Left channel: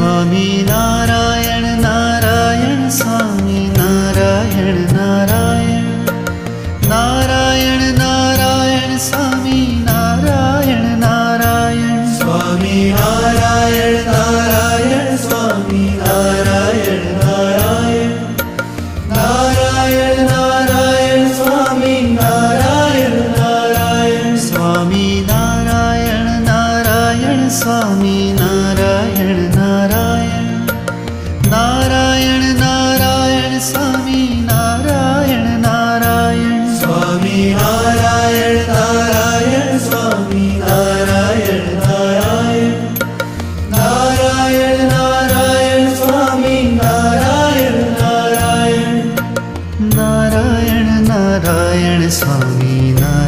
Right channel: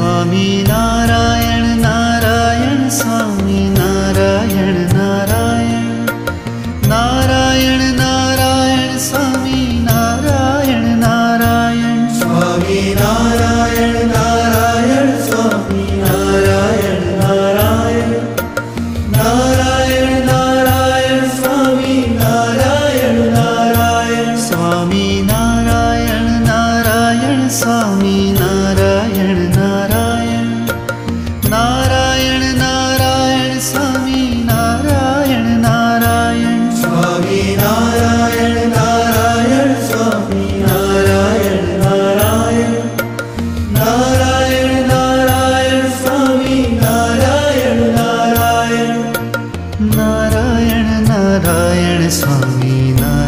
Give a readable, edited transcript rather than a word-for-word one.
Swami Narayan Narayan Swami Narayan Narayan Narayan Narayan Swami Narayan Narayan Swami Narayan Narayan Swami Narayan Narayan Narayan Narayan Swami Narayan Narayan Swami Narayan Narayan Swami Narayan Narayan Narayan Narayan Swami Narayan Narayan Swami Narayan Narayan Swami Narayan Narayan Narayan Narayan Swami Narayan Narayan Narayan Narayan Swami Narayan